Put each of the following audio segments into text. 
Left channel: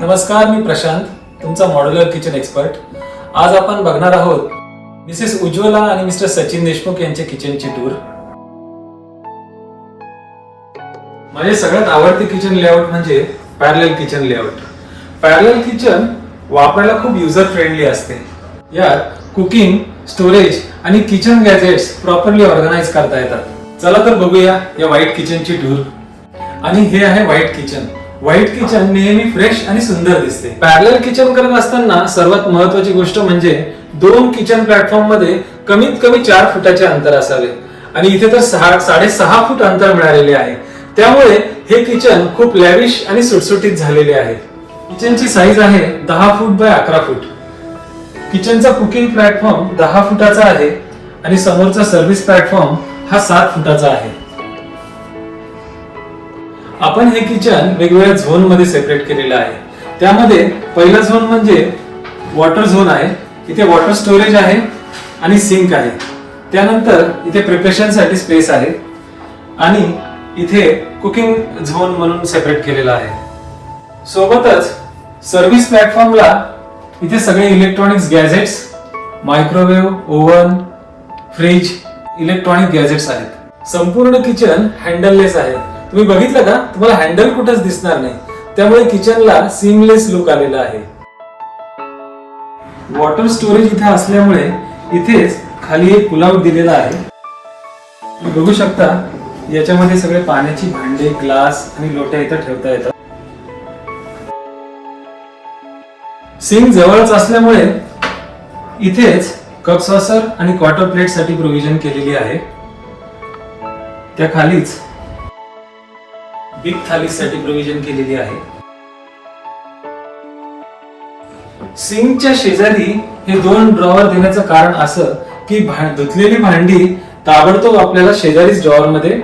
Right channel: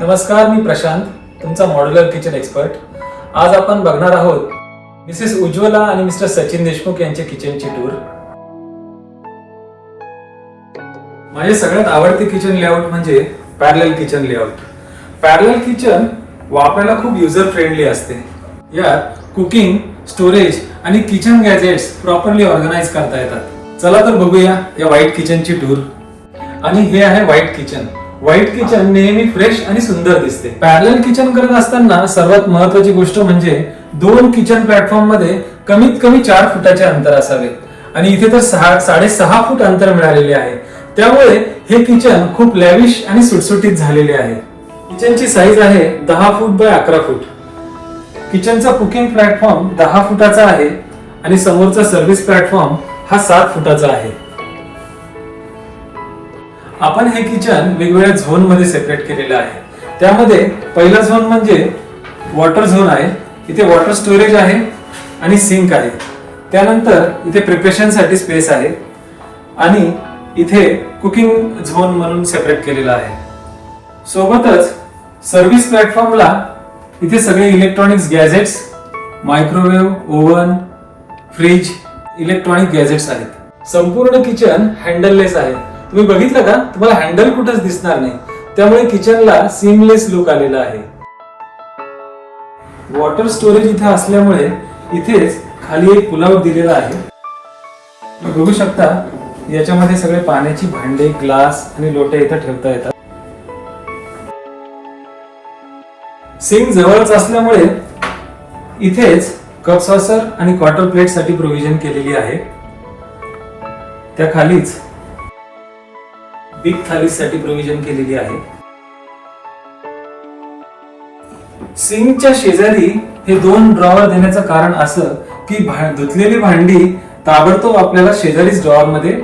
नमस्कार, मी प्रशांत, तुमचा modular kitchen expert. आज आपण बघणार आहोत मिसेस उज्ज्वला आणि मिस्टर सचिन देशमुख यांच्या किचनची टूर. माझे सगळ्यात आवडते किचन लेआउट म्हणजे parallel kitchen layout. Parallel kitchen वापरायला खूप युजर फ्रेंडली असते. यात कुकिंग, स्टोरेज आणि किचन गॅजेट्स प्रॉपरली ऑर्गनाइज करता येतात. चला तर बघूया या व्हाईट किचनची टूर. आणि हे आहे व्हाईट किचन. व्हाईट किचन नेहमी फ्रेश आणि सुंदर दिसते. पॅरलल किचन करत असताना सर्वात महत्वाची गोष्ट म्हणजे दोन किचन प्लॅटफॉर्म मध्ये कमीत कमी 4 फुटाचे अंतर असावे आणि इथे तर 6.5 फूट अंतर मिळालेले आहे. त्यामुळे हे किचन खूप लॅविश आणि सुटसुटीत झालेले आहे. किचनची साईज आहे 10 foot by 11 foot. किचनचा cooking platform 10 फुटाचा आहे आणि समोरचा सर्व्हिस प्लॅटफॉर्म हा 7 फुटाचा आहे. आपण हे किचन वेगवेगळ्या झोन मध्ये सेपरेट केलेलं आहे. त्यामध्ये पहिला झोन म्हणजे वॉटर झोन आहे. इथे वॉटर स्टोरेज आहे आणि सिंक आहे. त्यानंतर इथे प्रिपरेशन साठी स्पेस आहे आणि इथे कुकिंग झोन म्हणून सेपरेट केलेला आहे. सोबतच सर्व्हिस प्लॅटफॉर्मला इथे सगळे electronics gadgets, microwave, oven, fridge, electronic gadgets आहेत. संपूर्ण किचन हँडललेस आहे. तुम्ही बघितलं का? तुम्हाला हँडल कुठंच दिसणार नाही. त्यामुळे किचनला सीमलेस लुक आलेला आहे. वॉटर स्टोरेज इथे असल्यामुळे इथेच खाली एक पुलआउट दिलेला आहे. तुम्ही बघू शकता याच्यामध्ये सगळे पाण्याची भांडे, ग्लास आणि लोटे इथे ठेवता येतात. सिंक जवळच असल्यामुळे इथेच कप सॉसर आणि क्वार्टर प्लेट साठी प्रोव्हिजन केलेली आहे. त्या खालीच बिग थालीसाठी प्रोव्हिजन केलेली आहे. सिंकच्या शेजारी हे 2 ड्रॉवर देण्याचं कारण असं की धुतलेली भांडी ताबडतोब आपल्याला शेजारीच ड्रॉवर मध्ये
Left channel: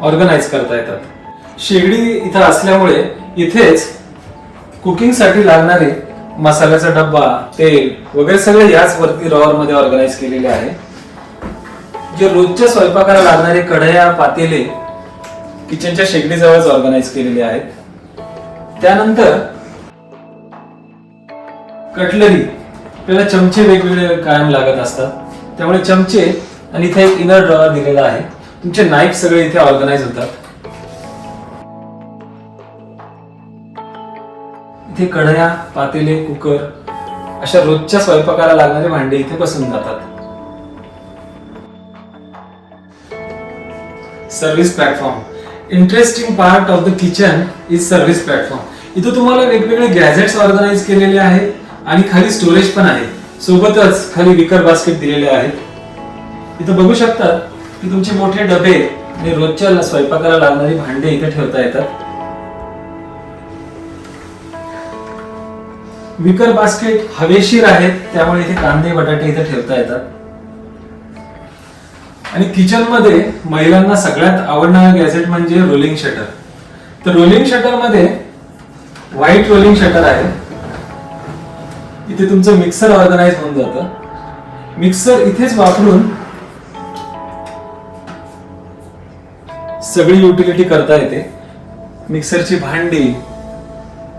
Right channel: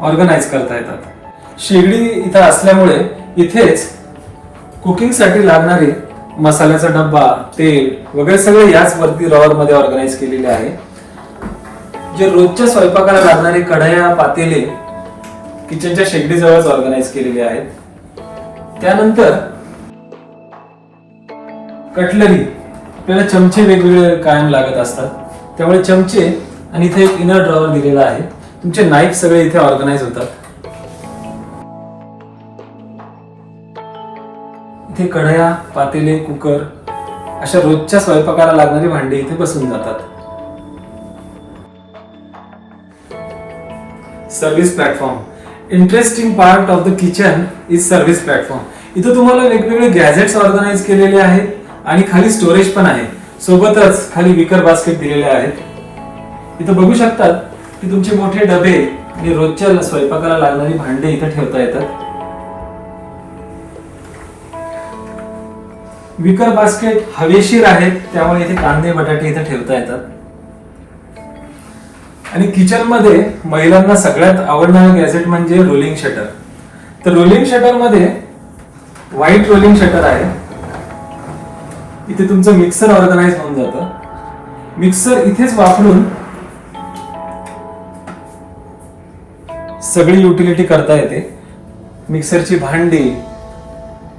ऑर्गनाइज करता येतात. शेगडी इथं असल्यामुळे इथेच कुकिंग साठी लागणारे मसाल्याचा डब्बा, तेल वगैरे सगळे याच वरती ड्रॉवर मध्ये ऑर्गनाइज केलेले आहे. जे रोजच्या स्वयंपाकाला लागणारे कढया, पातेले किचनच्या शेगडीजवळच ऑर्गनाइज केलेले आहेत. त्यानंतर कटलरी, आपल्याला चमचे वेगवेगळे कायम लागत असतात. त्यामुळे चमचे आणि इथे एक इनर ड्रॉवर दिलेला आहे. तुमचे नाईफ सगळे इथे ऑर्गनाइज होतात. इथे कढया, पातेले, कुकर अशा रोजच्या स्वयंपाकाला लागणारी भांडी इथे बसून जातात. Service platform. Interesting part of the kitchen is service platform. इथं तुम्हाला वेगवेगळे गॅजेट्स ऑर्गनाइज केलेले आहेत आणि खाली स्टोरेज पण आहे. सोबतच खाली विकर बास्केट दिलेले आहेत. इथं बघू शकतात की तुमचे मोठे डबे आणि रोजच्या स्वयंपाकाला लागणारी भांडे इथे ठेवता येतात. विकर बास्केट हवेशीर आहेत, त्यामुळे इथे कांदे, बटाटे इथे ठेवता येतात. आणि किचन मध्ये महिलांना सगळ्यात आवडणारं गॅजेट म्हणजे रोलिंग शटर. तर रोलिंग शटर मध्ये व्हाईट रोलिंग शटर आहे. इथे तुमचं मिक्सर ऑर्गनाइज होऊन जातं. मिक्सर इथेच वापरून सगळी युटिलिटी करता येते. मिक्सरची भांडी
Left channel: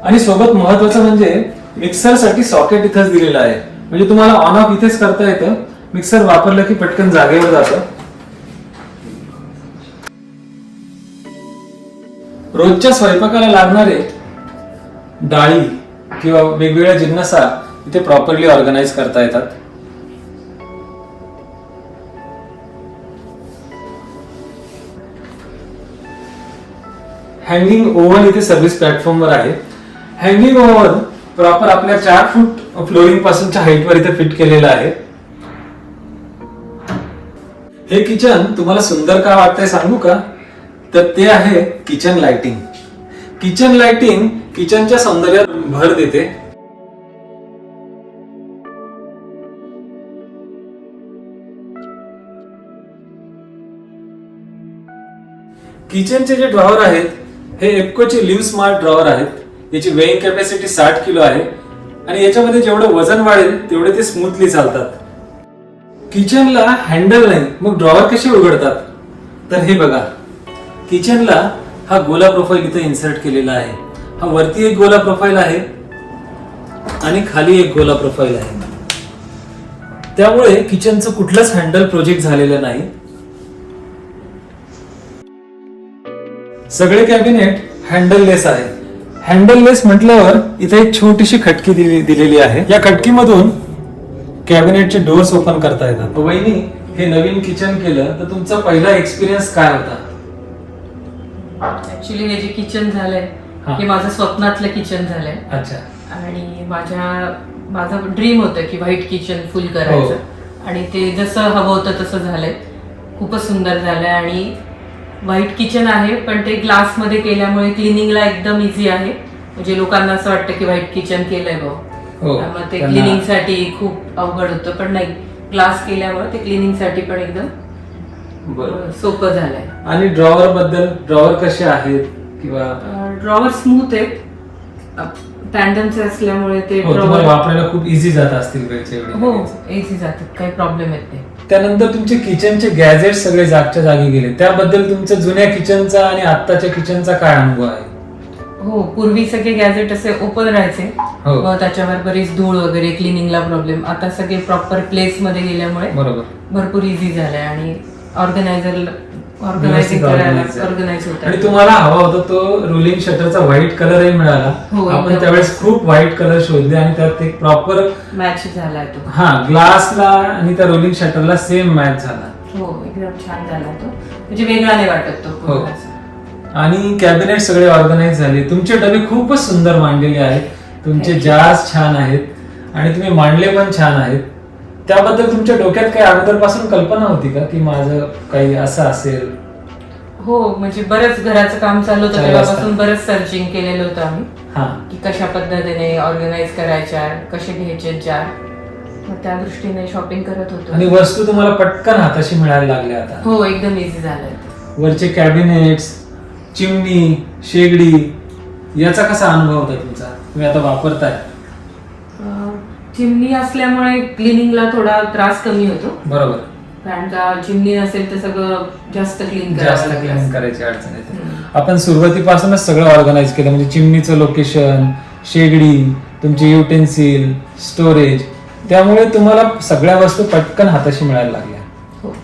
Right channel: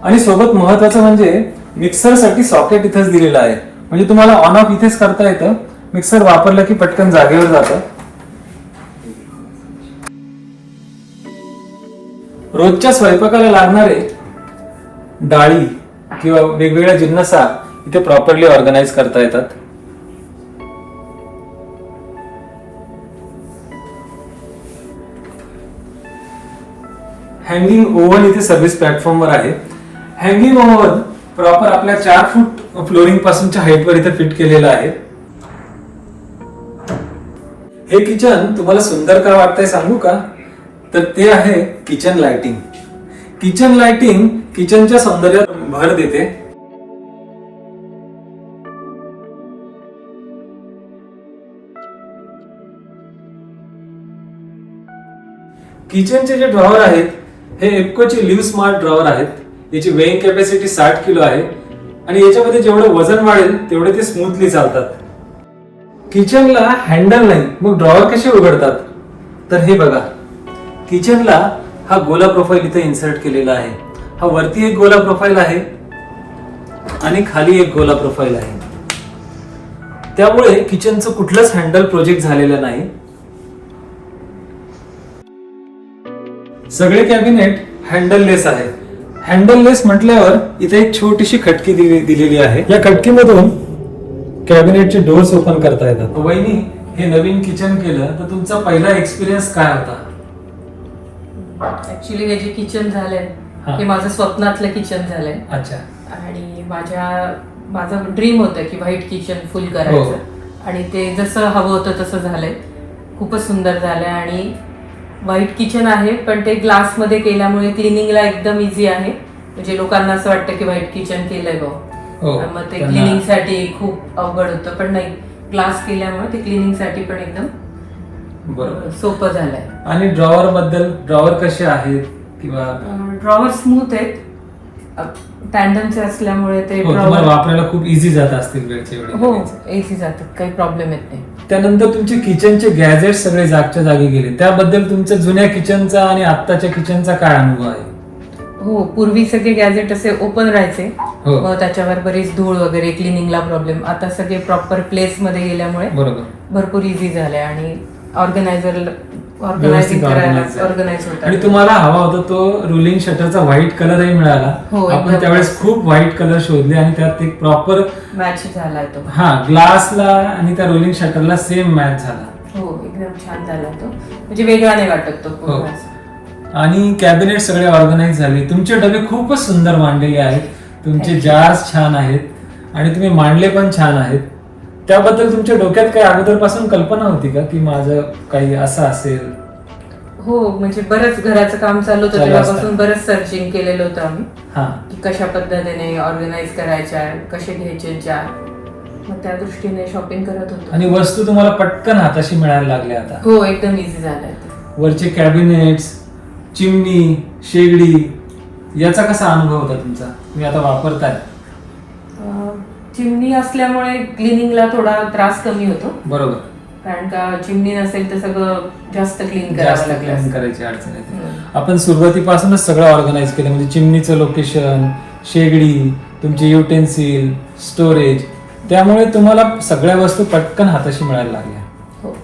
आणि सोबत महत्वाचं म्हणजे मिक्सर साठी सॉकेट इथेच दिलेलं आहे. म्हणजे तुम्हाला ऑन ऑफ इथेच करता येतं. मिक्सर वापरलं की पटकन जागेवर जातं. रोजच्या स्वयंपाकाला लागणारे डाळी किंवा वेगवेगळ्या जिन्नसा इथे प्रॉपरली ऑर्गनाइज करता येतात. हँगिंग ओव्हन इथे सर्व्हिस प्लॅटफॉर्म वर आहे. हँगिंग ओव्हन प्रॉपर आपल्या 4 फूट फ्लोरिंग पासूनच्या हाईट वर इथे फिट केलेलं आहे. हे किचन तुम्हाला सुंदर का वाटतंय सांगू का? तर ते आहे किचन लाइटिंग. किचन लाइटिंग किचनच्या सौंदर्यात भर देते. किचनचे जे ड्रॉवर आहेत हे एप्कोचे लिव्ह स्मार्ट ड्रॉवर आहेत. याची वेइंग कॅपॅसिटी 60 किलो आहे आणि याच्यामध्ये जेवढं वजन वाढेल तेवढे ते स्मूथली चालतात. किचनला हँडल नाही, मग ड्रॉवर कसे उघडतात? तर हे बघा, किचनला हा गोला प्रोफाइल इथे इन्सर्ट केलेला आहे. हा वरती एक गोला प्रोफाइल आहे आणि खाली एक गोला प्रोफाईल आहे. त्यामुळे किचनचं कुठलंच हँडल प्रोजेक्ट झालेलं नाही. सगळे कॅबिनेट हँडललेस आहेत. हँडललेस म्हटल्यावर इथे एक छोटीशी खटकी दिलेली आहे. या खटकीमधून कॅबिनेटचे डोर्स ओपन करता येतात. वहिनी, हे नवीन किचन केलं तर तुमचा पहिला एक्सपिरियन्स काय होता? ऍक्च्युली हे जे किचन झालंय हा. हे माझं स्वप्नातलं किचन झालंय. अच्छा. आणि माझं ड्रीम होतं की व्हाईट किचन फुल करायचं. आणि ते जसं हवं होतं तसं झालंय. खूपच सुंदर झालंय. आणि व्हाईट किचन आहे पण ते ग्लास मध्ये केल्यामुळे क्लिनिंगला एकदम इझी आहे. म्हणजे लोकांना असं वाटतं की व्हाईट किचन केलंय हो. मग ते क्लिनिंग साठी खूप अवघड होतं, पण नाही, ग्लास केल्यामुळे ते क्लिनिंग साठी पण एकदम सोपं झालंय. आणि ड्रॉवर बद्दल, ड्रॉवर कसे आहेत किंवा ड्रॉवर स्मूथ आहेत, टँडमचे असल्यामुळे ते ड्रॉवर वापरायला खूप इझी जात असतील वेळचे वेळ. हो, इझी जातात, काही प्रॉब्लेम येत नाही. त्यानंतर तुमचे किचनचे गॅजेट सगळे जागच्या जागी गेले. त्याबद्दल तुमच्या जुन्या किचनचा आणि आत्ताच्या किचनचा काय अनुभव आहे? हो, पूर्वी सगळे गॅजेट असे ओपन राहायचे, मग त्याच्यावर बरीच धूळ वगैरे, क्लिनिंगला प्रॉब्लेम. आता सगळे प्रॉपर प्लेस मध्ये गेल्यामुळे बरोबर भरपूर इझी झालंय आणि ऑर्गनायझिंग ऑर्गनाइज होतं. आणि तुम्हाला हवा होता तो रुलिंग शटरचा व्हाईट कलरही मिळाला. आपण त्यावेळेस खूप व्हाईट कलर शोधले आणि त्यात एक प्रॉपर मॅच झालाय तो. हा, ग्लासला आणि त्या रोलिंग शटरला सेम मॅच झाला. हो, एकदम छान झाला तो, म्हणजे वेगळा नाही वाटत तो. आणि कॅबिनेट सगळे ऑर्गनाइज झाले. तुमचे डबे खूपच सुंदर मांडलेले आहेत. तुमचे जार्स छान आहेत आणि तुम्ही मांडले पण छान आहेत. त्याबद्दल तुमच्या डोक्यात काही अगोदरपासून कल्पना होती का की माझं काही असं असेल? हो, म्हणजे बरंच घराचं काम चालू होतं तेव्हापासून बरंच सर्चिंग केलेलं होतं आम्ही की कशा पद्धतीने ऑर्गनाइज करायच्या, कसे घ्यायचे जार. मग त्या दृष्टीने शॉपिंग करत होतो. आणि वस्तू तुम्हाला पटकन हाताशी मिळायला लागल्या आता? हो, एकदम इझी झालंय. वरचे कॅबिनेट्स, चिमणी, शेगडी, याचा कसा अनुभव होता तुमचा? तुम्ही आता वापरताय? चिमणी असल्यामुळे क्लिनिंगला थोडा त्रास कमी होतो. बरोबर. कारण का चिमणी असेल तर सगळं जास्त क्लीन करायची अडचण येते. आपण सुरुवातीपासूनच सगळं ऑर्गनाइज केलं, म्हणजे चिमणीचं लोकेशन, शेगडी, तुमची युटेन्सिल, स्टोरेज. त्यामुळे तुम्हाला सगळ्या वस्तू पटकन हाताशी मिळायला लागल्या. हो.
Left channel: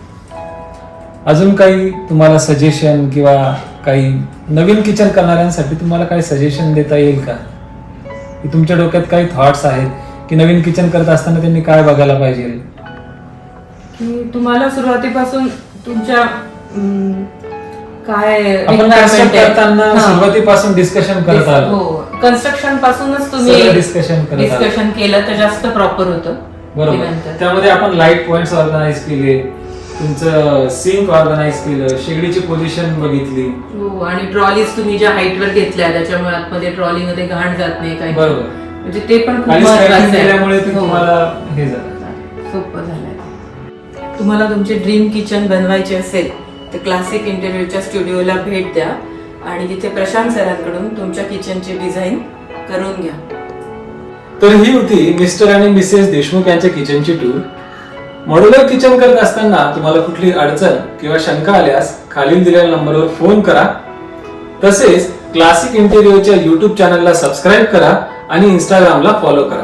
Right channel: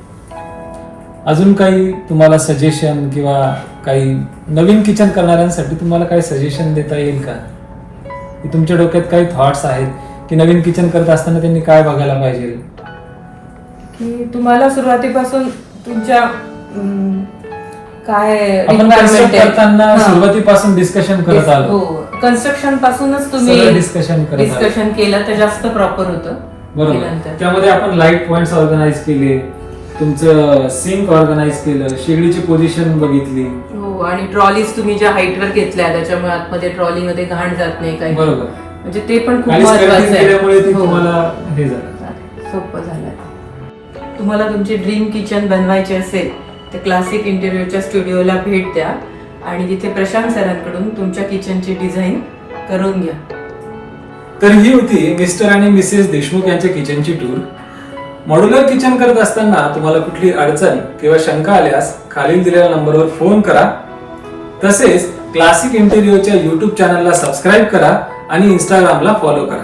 अजून काही तुम्हाला सजेशन किंवा काही नवीन किचन करणाऱ्यांसाठी तुम्हाला काही सजेशन देता येईल का? की तुमच्या डोक्यात काही थॉट्स आहेत की नवीन किचन करत असताना त्यांनी काय बघायला पाहिजे? की तुम्हाला सुरुवातीपासून तुमच्या काय आपण करताना सुरुवातीपासून डिस्कशन करत आलो. हो, कन्स्ट्रक्शन पासूनच तुम्ही डिस्कशन केलं तर जास्त प्रॉपर होतं. बरोबर. त्यामध्ये आपण लाईट पॉइंट्स ऑर्गनाइज केले, तुमचं सिंक ऑर्गनाइज केलं, शेगडीची पोझिशन बघितली. हो, आणि ट्रॉलीज तुम्ही ज्या हाईटवर घेतल्या त्याच्यामुळे आतमध्ये ट्रॉली मध्ये घाण जात नाही काही. बरोबर. म्हणजे ते पण खूप महत्त्वाचं आहे. तुम्हाला हे सोपं झालंय. तुम्हाला तुमचे ड्रीम किचन बनवायचे असेल तर क्लासिक इंटेरियरच्या स्टुडिओला भेट द्या आणि तिथे प्रशांत सरांकडून तुमच्या किचनची डिझाईन करून घ्या. तर ही होती मिस्टर आणि मिसेस देशमुख यांच्या किचनची टूर. मॉड्युलर किचन करत असताना तुम्हाला कुठली अडचण किंवा शंका आल्यास खालील दिलेल्या नंबरवर फोन करा. तसेच क्लासिक इंटेरियरच्या YouTube चॅनलला सबस्क्राईब करा आणि इंस्टाग्रामला फॉलो करा.